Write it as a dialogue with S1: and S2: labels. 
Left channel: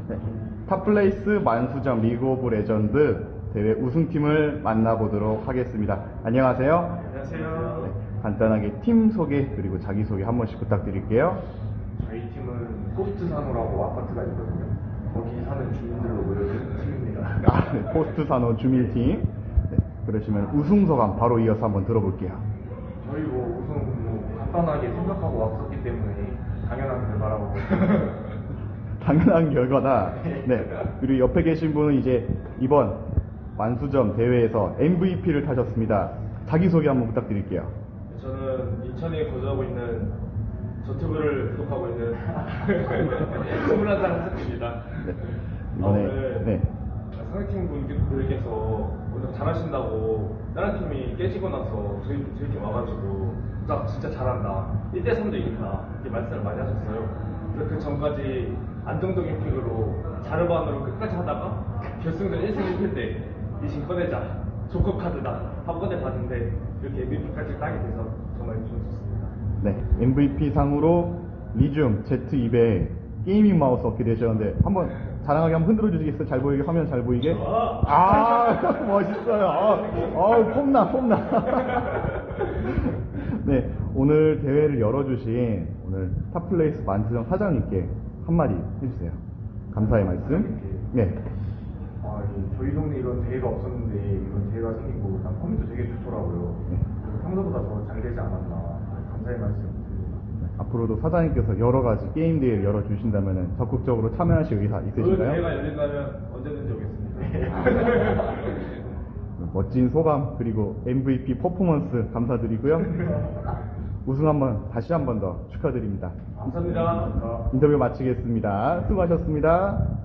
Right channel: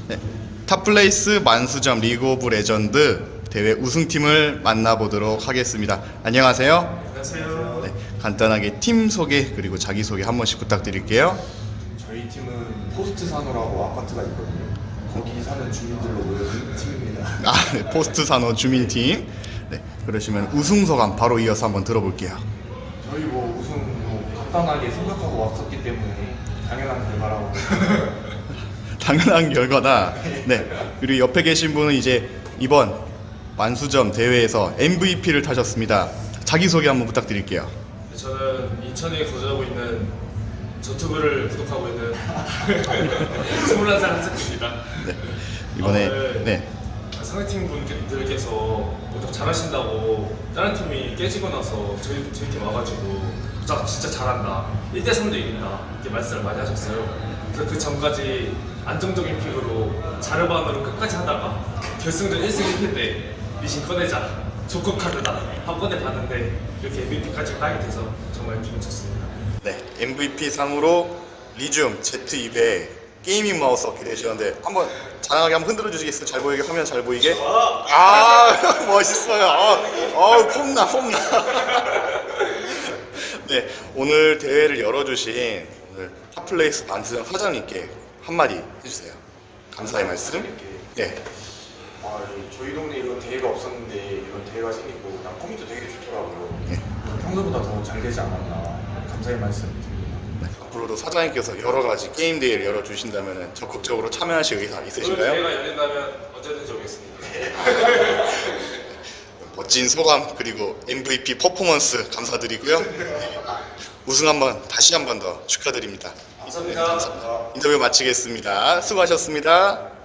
S1: 네, 탑플레이스 만수점 리그 오브 레전드 대회 우승팀을 만나보도록 하겠습니다. 안녕하세요.
S2: 안녕하세요.
S1: 네, 간단하게 팀 소개 그리고 자기소개 한 번씩 부탁드릴게요.
S2: 저희 팀은 포스트 산호라고 아파트가 있거든요. 거기 사는 주민들로 모여진 팀입니다.
S1: 아, 네, 포스트 산호 주민팀. 네, 그러시면 우승 소감 바로 이어서 한번 들어볼게요.
S2: 저희 뭐 우승 간단하게 생각하고 왔었기 때문에 당연한 결과라고.
S1: 당연한 결과다. 네, 그리고 옆에 계신 분은 이제 이번 만수점 대회에서 MVP를 타셨습니다. 자기소개 한번 부탁드릴게요.
S3: 저는 인천에 거주하고 있는 저튜브를 구독하고 있는 21살 한석입니다.
S1: 네, 이번에
S3: 오늘
S1: 네,
S3: 상대팀 분들께서 무척 잘하신다고 다른 팀이 깨지고 나서 저희 팀 와가지고 진짜 잘한다, 1대3도 이긴다 이렇게 말씀을 많이 하셨어요. 그래서 그 전까지 안정적인 픽으로 자르반으로 끝까지 하다가 결승전 1승 1패 때 리신 꺼내자, 조커 카드다 한 번에 봤는데 이렇게 MVP까지 따게 돼서 정말 기분 좋습니다.
S1: 네, MVP 상으로 리줌 Z200 게이밍 마우스 얻게 되셨는데 한번 자랑하게 한번 흔들어 주시겠어요? 잘 보이게, 화면 잘 보이게. 아 멋있어요. 폼나. 네, 오늘 대회를 열어주신 오늘 탑플레이스 만수점 사장님께 한마디 해주세요. 감사의 말씀. 네,
S2: 저희 동네 이런 대회가 없었는데 이런 대회가 생기고 난 코미도 되게 좋더라고요.
S1: 네.
S2: 평소보다 더 잘 되지 않았나 감사의 말씀 드립니다.
S1: 네, 앞으로도 사장님께서 여러 가지 게임 대회를 열어주신다면 적극적으로 참여하실 의사
S3: 오늘
S1: 있으신가요?
S3: 대회가 열린다면 언제든지 오겠습니다.
S1: 멋진 소감 그리고 MVP 퍼포먼스 감사드리고요. 우승 한번 다시 한 번 더 축하드립니다.
S3: 감사합니다.
S1: 인터뷰 마치겠습니다. 수고하셨습니다.